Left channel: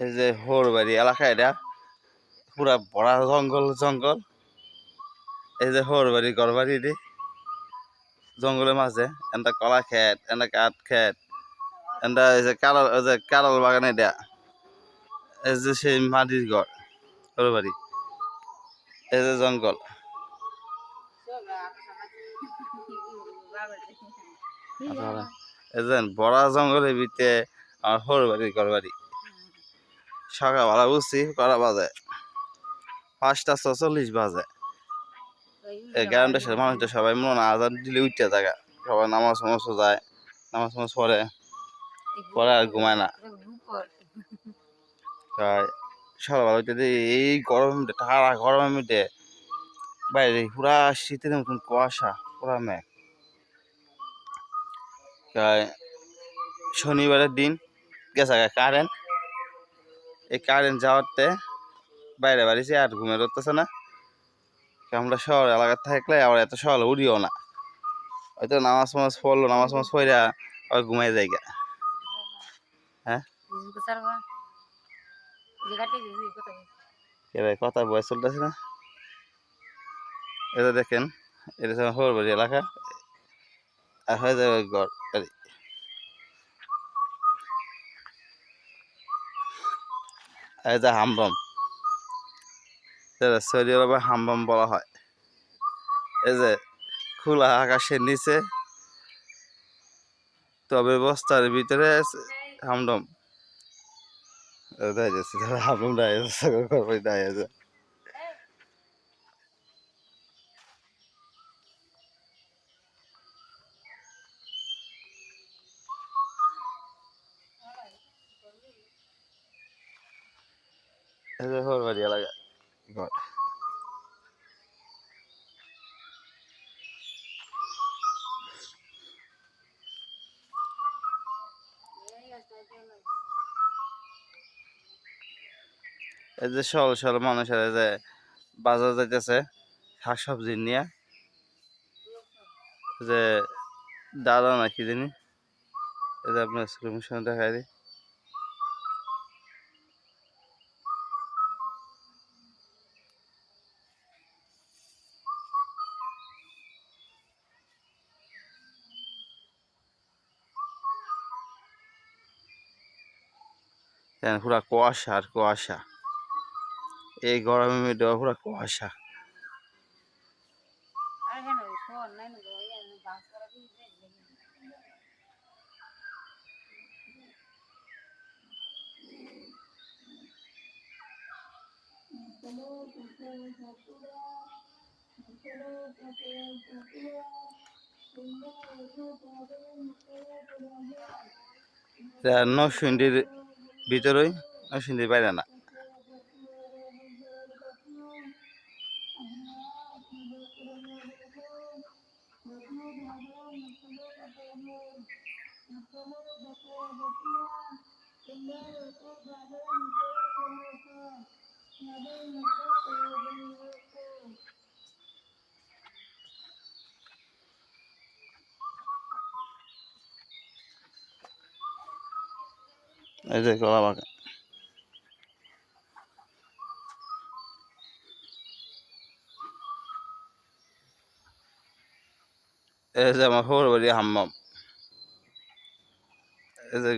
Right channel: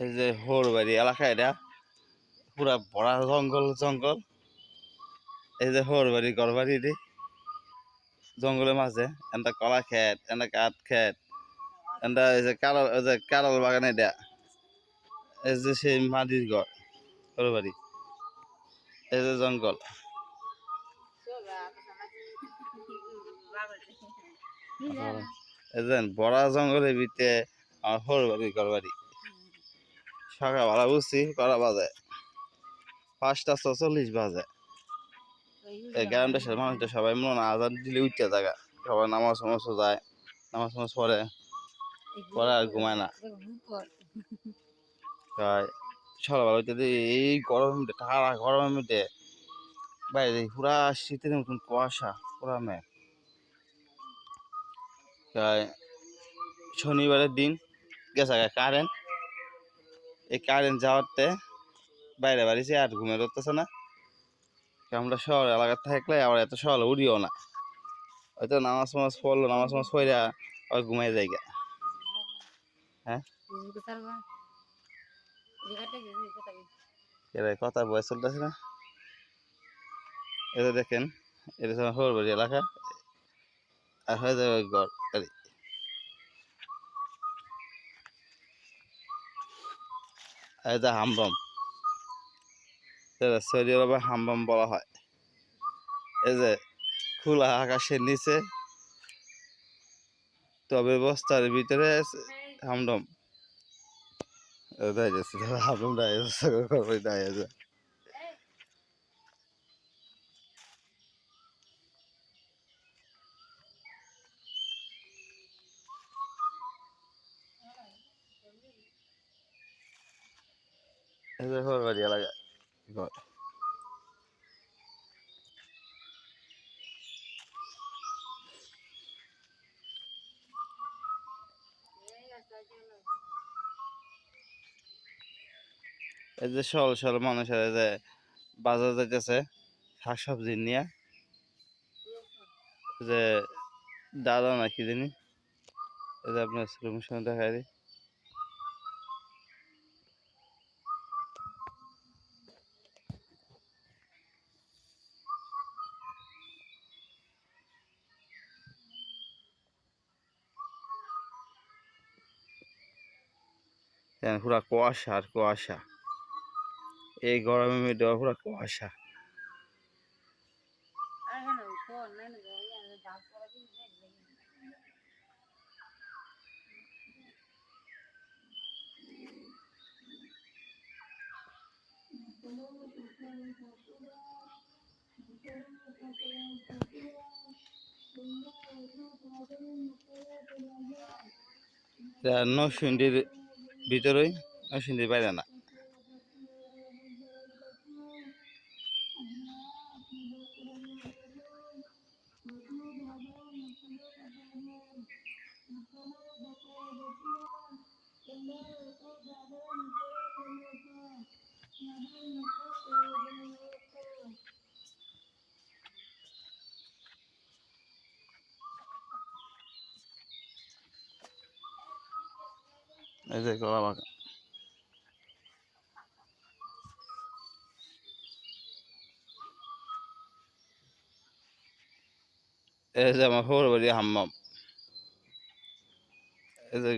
এই যে হরবাড়ি এলাকা, এটা পুরা বড় জঙ্গল জঙ্গল। এই যে হরবাড়ি ঘরবাড়ি, এটি জঙ্গলের মাঝে। এটা কলা খেত, এটা কাঠ খেত, এটা এই যে কারল বাগান। এটা এই যে সেই মাটির ঘর হরবাড়ি। এই যে জঙ্গল। এই যে বড় জঙ্গলের ভিতরে আমার হরবাড়ি ঘরবাড়ি। সকালবেলা উঠছি, করা বাজে 5:46 বাজে। এই গ্রামটা মানুষটা সবাই মনে আজান দিলে উঠতে থাকা, সবাই নামাজ যায়, নামাজ পড়ে, পরে আর ঘুমায় না। সকালবেলা উঠতে এই গরম, ঠাড়া গরমের মধ্যে বাইরে পুরা শীতের মতন কুয়াশা, পুরা মেঘ। শনিবারের দিন গেছে কারেন্ট। এই কারেন্ট যাওয়াতে বাইরে বাড়িছে, আর ঘুমের হতেছে না। আমরা শহর এলাকার থাকলে আবার এত সকালে উঠিও না, হয়তো নামাজ পড়লো, নামাজ পড়ে আবার ঘুমাই যায়। হ্যাঁ, কথা বয়স চলতেছে না। এটা দেখেন, এটা হরবাড়ি এলাকা। হয়ে যাবে ঘর। এই যে হামবম, সৌদি আরবে হামবম বলা হয়। এই যে খোলা আকাশের নিচে, তবে বস্তার ভিতরে হামডম। হামডম দাঁড়িয়েছে। এই যে হরবাড়ি এলাকা ঘর। এই যে সরল সরল মানুষের যে বাজার যাইতেছে শাকসবজি নিয়ে, যে দাদা না কি জানি, এই যে আপনার স্ক্রিন দেখাই দিই। পুরা কুয়াশা আর কুয়াশা, এই গরমের মধ্যে পুরা কুয়াশা। নরসিংদীর ভিতরেই, নরসিংদীর বাইরে না। এই যে কলা বাগান। এই যে আমার হরবাড়ি হাম্মাম। এই যে